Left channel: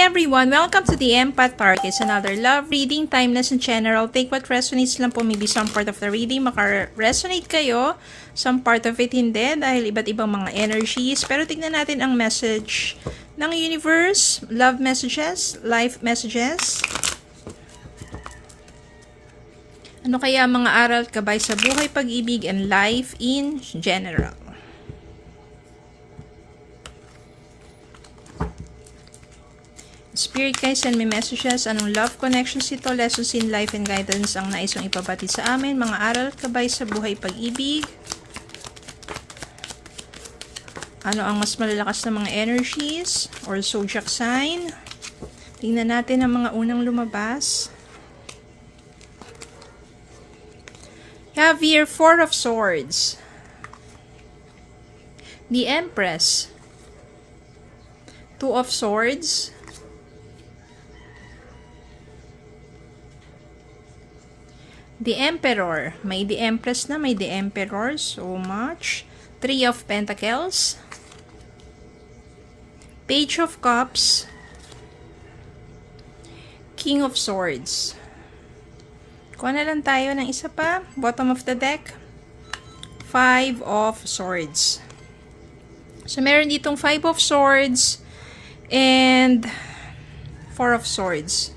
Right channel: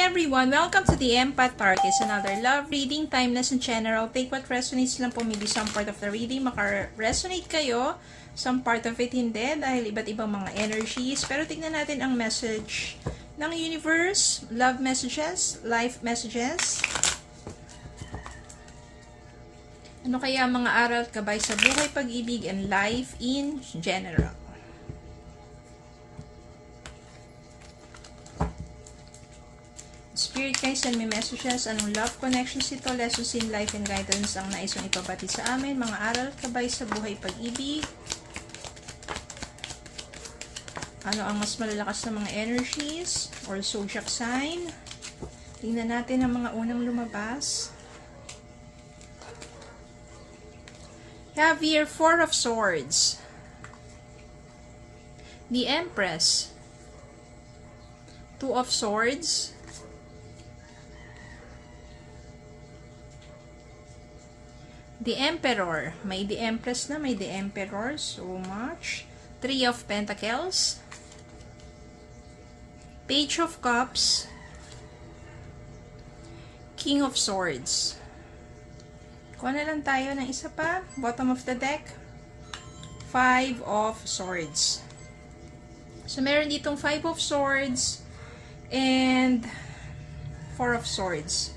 Everyone, welcome to the Empath Tarot. It's another love reading, timeless in general. Take what resonates lang po, maybe some part of the reading maka-resonate kayo, some part of it hindi dahil iba't ibang mga energies. Pero tignan natin ang message ng universe, love messages, life messages. Ano kaya mga aral gabay sa buhay, pag-ibig, and life in general? Spirit guys, send me messages. Anong love connections ito, lessons in life and guidance ang nais mong ipapatid sa amin? Mga aral gabay sa buhay, pag-ibig. Ano ang mas malalakas na mga energies or zodiac sign? Tingnan natin ang mga unang lumabas. You have here 4 of Swords. The Empress. 2 of Swords. The Emperor. May the Empress na, may the Emperor. So much. 3 of Pentacles. Page of Cups. King of Swords. Kuha na lang tayo ng isa pa. Bottom of the deck. 5 of Swords. So meron ditong 5 of Swords and 4 of Swords.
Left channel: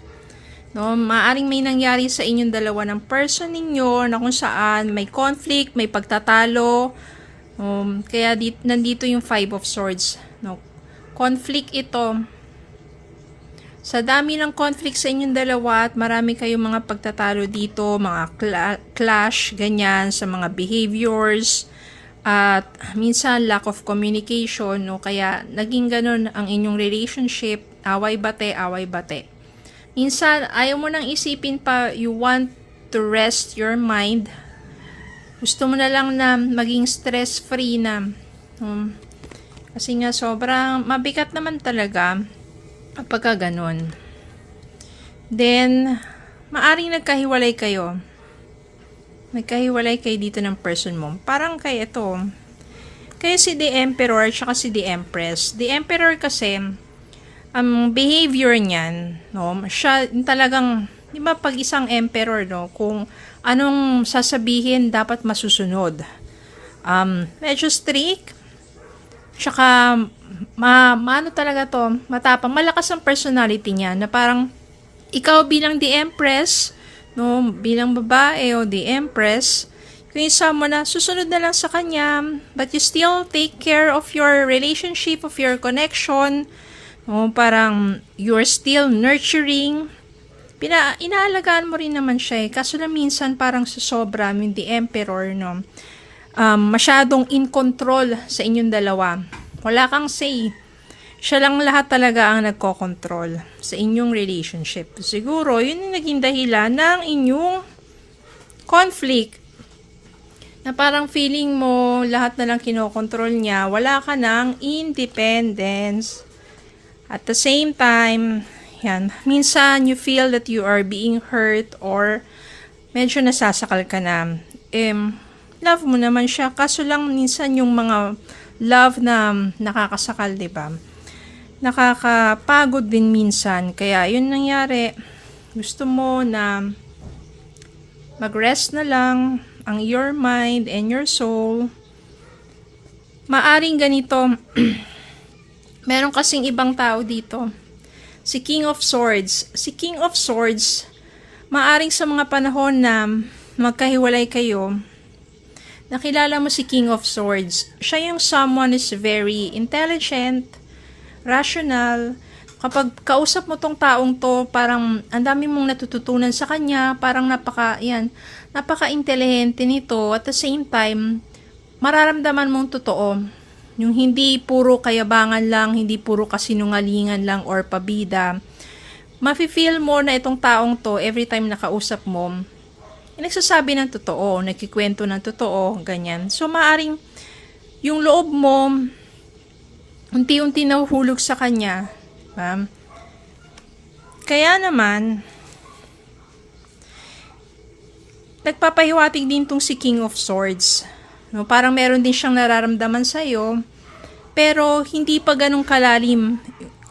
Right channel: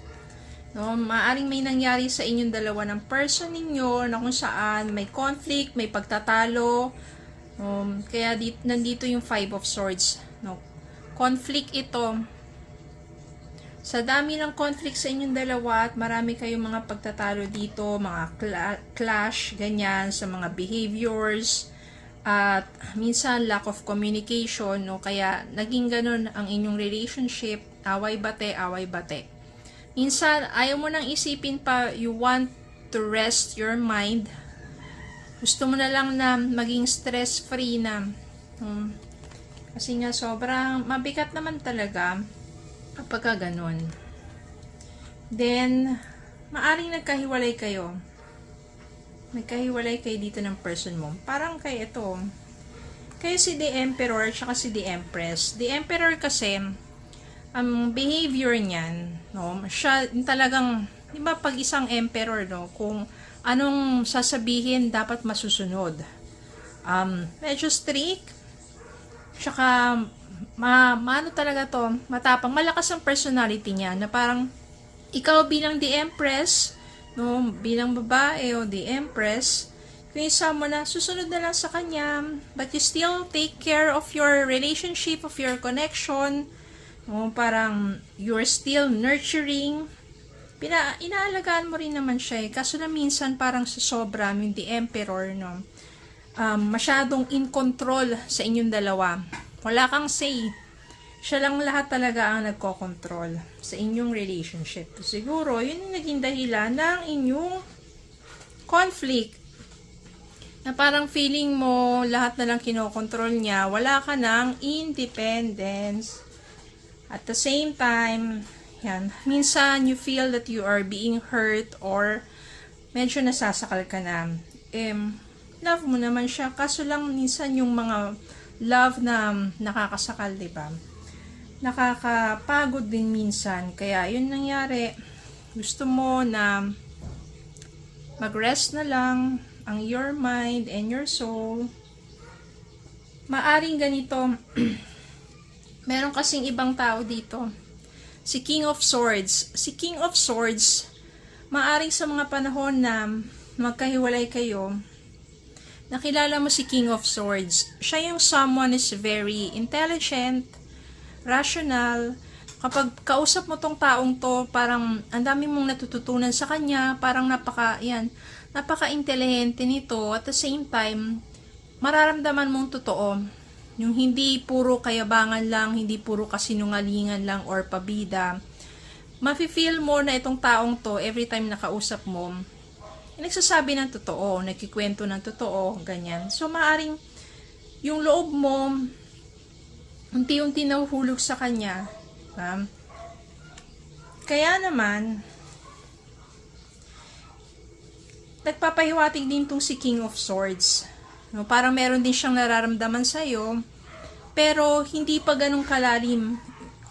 No, maaring may nangyari sa inyong dalawa ng person ninyo na kung saan may conflict, may pagtatalo. Kaya nandito yung 5 of Swords. No, conflict ito. Sa dami ng conflict sa inyong dalawa at marami kayong mga pagtatalo dito, mga clash, ganyan, sa mga behaviors. At minsan lack of communication. No, kaya naging ganun ang inyong relationship. Away-bate, away-bate. Minsan, ayaw mo nang isipin pa, you want to rest your mind. Gusto mo na lang na maging stress-free na. Kasi nga, sobrang mabigat naman talaga kapag ganun. Then, maaring nagkahiwalay kayo. Nagkahiwalay kayo dito ng person mo. Parang kay ito. Kaya si The Emperor at si The Empress. The Emperor kasi, ang behavior niyan, no, siya talagang, di ba pag isang emperor, no, kung anong sasabihin dapat masusunod. Medyo strict, tsaka, ano talaga to, matapang, malakas ang personality niya, na parang, ikaw bilang the empress, no, bilang babae o the empress, kung isa mo na, susunod na lang sa kanya, but you still take care of your relationship, of your connection. Parang you're still nurturing. Inaalagaan mo rin naman siya eh. Kaso na minsan parang susobra yung the emperor, no? Masyadong in control sa inyong dalawa. Wala kang say. Siya lang lahat talaga ang nagko-control sa inyong relationship. Siguro, yun yung naging dahilan ng inyong conflict. Na parang feeling mo, lahat na lang kinokontrol niya. Wala ka ng independence. At the same time, yan, minsan you feel that you are being hurt or medyo nasasakal ka na. Love mo naman siya, kaso lang minsan yung mga love na nakakasakal, diba? Nakakapagod din minsan. Kaya yun nangyari, gusto mo na mag-rest na lang ang your mind and your soul. Maaring ganito, meron kasing ibang tao dito. Si King of Swords. Si King of Swords, maaring sa mga panahon na magkahiwalay kayo, nakilala mo si King of Swords. Siya yung someone is very intelligent, rational. Kapag kausap mo tong taong to, parang ang dami mong natututunan sa kanya, parang napaka-intelihente nito. At the same time, mararamdaman mong totoo. Yung hindi puro kayabangan lang, hindi puro kasinungalingan lang or pabida. Mafe-feel mo na itong taong to, every time nakausap mo, nagsasabi ng totoo, nagkikwento ng totoo, ganyan. So, maaring yung loob mo, unti-unti nahuhulog sa kanya. Kaya naman, nagpapahiwatig din tong si King of Swords. No, parang meron din siyang nararamdaman sa'yo, pero hindi pa ganun kalalim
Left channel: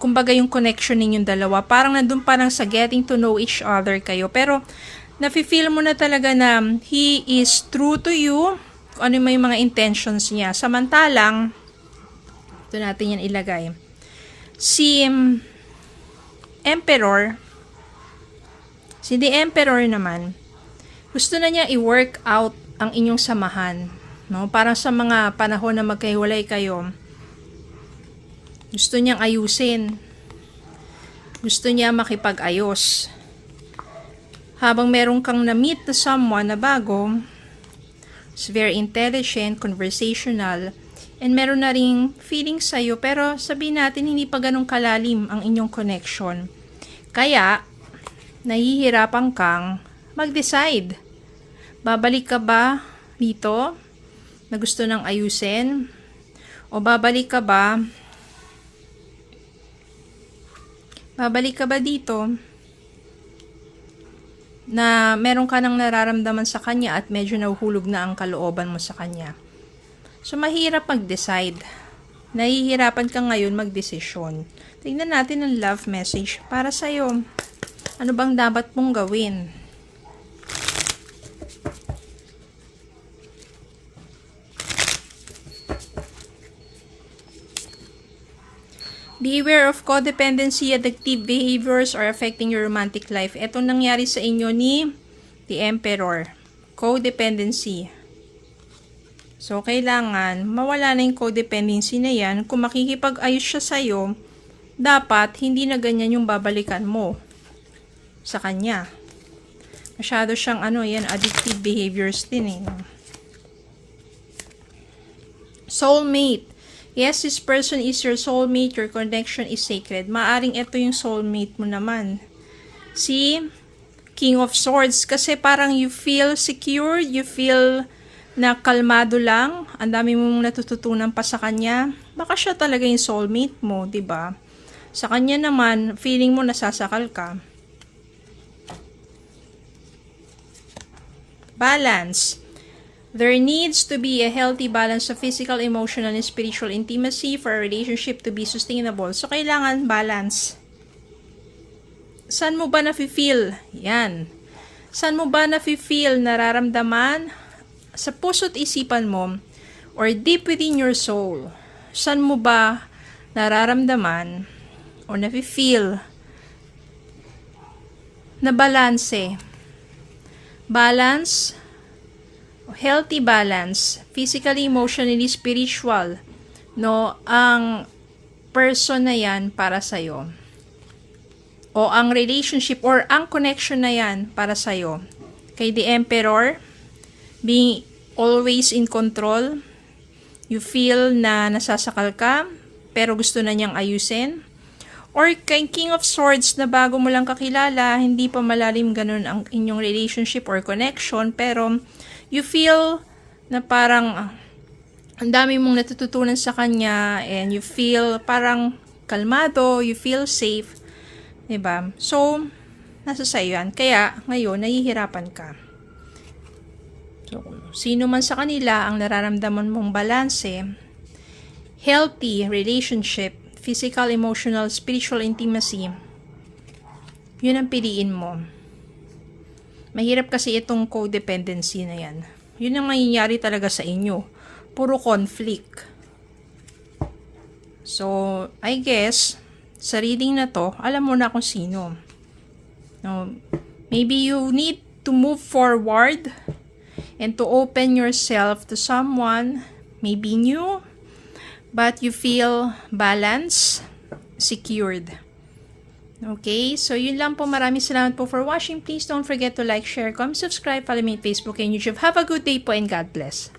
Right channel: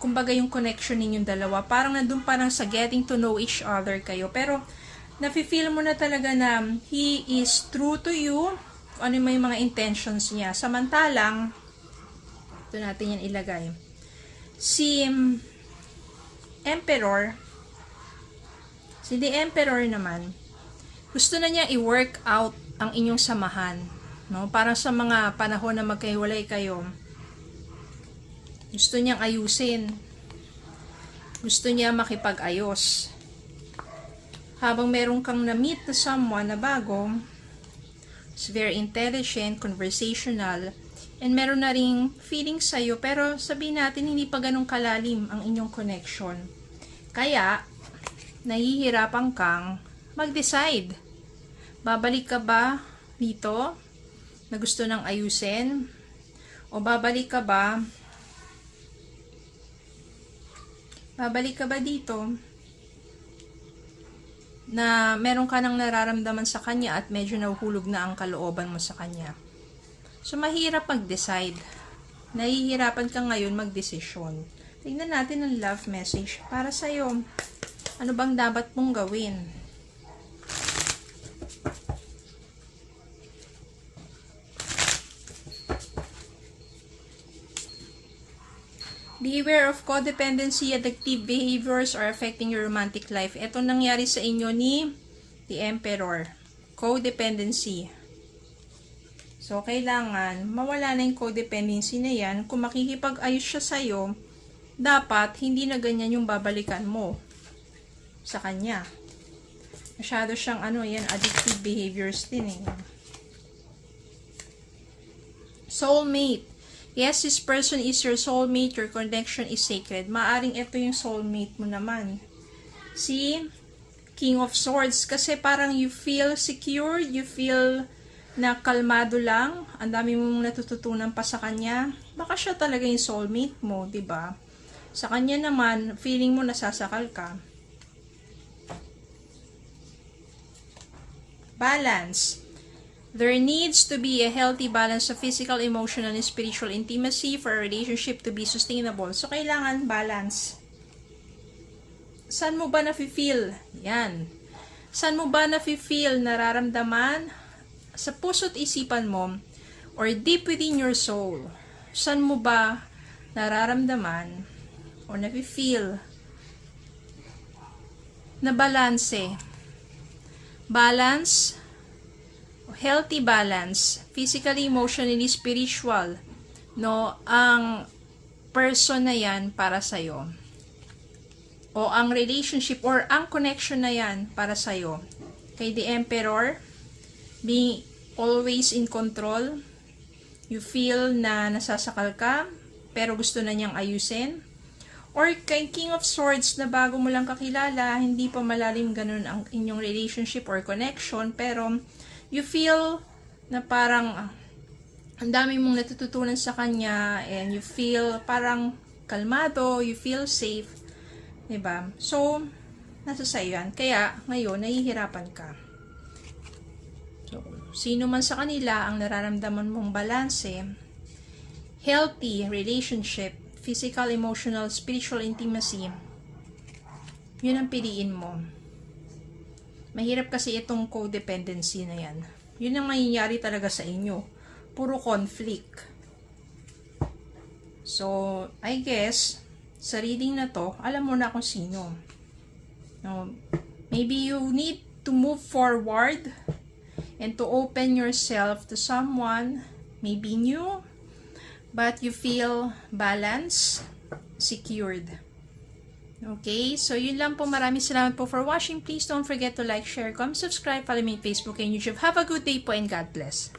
kumbaga yung connection ninyong dalawa. Parang nandun parang sa getting to know each other kayo. Pero, nafe-feel mo na talaga na he is true to you, kung ano yung mga intentions niya. Samantalang, ito natin yan ilagay. Si Emperor, si The Emperor naman, gusto na niya i-work out ang inyong samahan. No? Parang sa mga panahon na magkahiwalay kayo, gusto niyang ayusin. Gusto niya makipag-ayos. Habang meron kang na-meet na someone na bago, is very intelligent, conversational, and meron na ring feeling sa'yo, pero sabihin natin hindi pa ganun kalalim ang inyong connection. Kaya, nahihirapan kang mag-decide. Babalik ka ba dito na gusto nang ayusin? O babalik ka ba dito na meron ka nang nararamdaman sa kanya at medyo nahuhulog na ang kalooban mo sa kanya? So, mahirap mag-decide. Nahihirapan ka ngayon mag-desisyon. Tingnan natin ang love message para sa'yo. Ano bang dapat mong gawin? Beware of codependency, addictive behaviors, or affecting your romantic life. Ito nangyari sa inyo ni The Emperor. Codependency. So, kailangan mawala na yung codependency na yan. Kung makikipag-ayos siya sa'yo, dapat hindi na ganyan yung babalikan mo sa kanya. Masyado siyang addictive behaviors din eh. Soulmate. Yes, this person is your soulmate. Your connection is sacred. Maaring ito yung soulmate mo naman. Si King of Swords. Kasi parang you feel secure. You feel na kalmado lang. Ang dami mong natututunan pa sa kanya. Baka siya talaga yung soulmate mo, 'di ba? Sa kanya naman, feeling mo nasasakal ka. Balance. There needs to be a healthy balance of physical, emotional, and spiritual intimacy for a relationship to be sustainable. So, kailangan balance. Saan mo ba nafe-feel? Yan. Saan mo ba nafe-feel, nararamdaman? Sa puso't isipan mo, or deep within your soul, saan mo ba nararamdaman, or nafe-feel, na balanse? Balance, healthy balance, physically, emotionally, spiritual, no, ang person na yan para sa'yo. O ang relationship or ang connection na yan para sa'yo. Kay The Emperor, being always in control, you feel na nasasakal ka, pero gusto na niyang ayusin. Or kay King of Swords na bago mo lang kakilala, hindi pa malalim ganun ang inyong relationship or connection, pero you feel na parang ang dami mong natututunan sa kanya and you feel parang kalmado, you feel safe, diba? So, nasa sa'yo yan. Kaya, ngayon, nahihirapan ka. So, sino man sa kanila ang nararamdaman mong balanse, healthy relationship, physical, emotional, spiritual intimacy, yun ang piliin mo. Mahirap kasi itong codependency na yan. Yun ang mangyayari talaga sa inyo. Puro conflict. So, I guess, sa reading na to, alam mo na kung sino. No, maybe you need to move forward and to open yourself to someone, maybe new, but you feel balanced, secured. Okay, so yun lang po. Maraming salamat po for watching. Please don't forget to like, share, comment, subscribe, follow me on Facebook and YouTube. Have a good day po and God bless.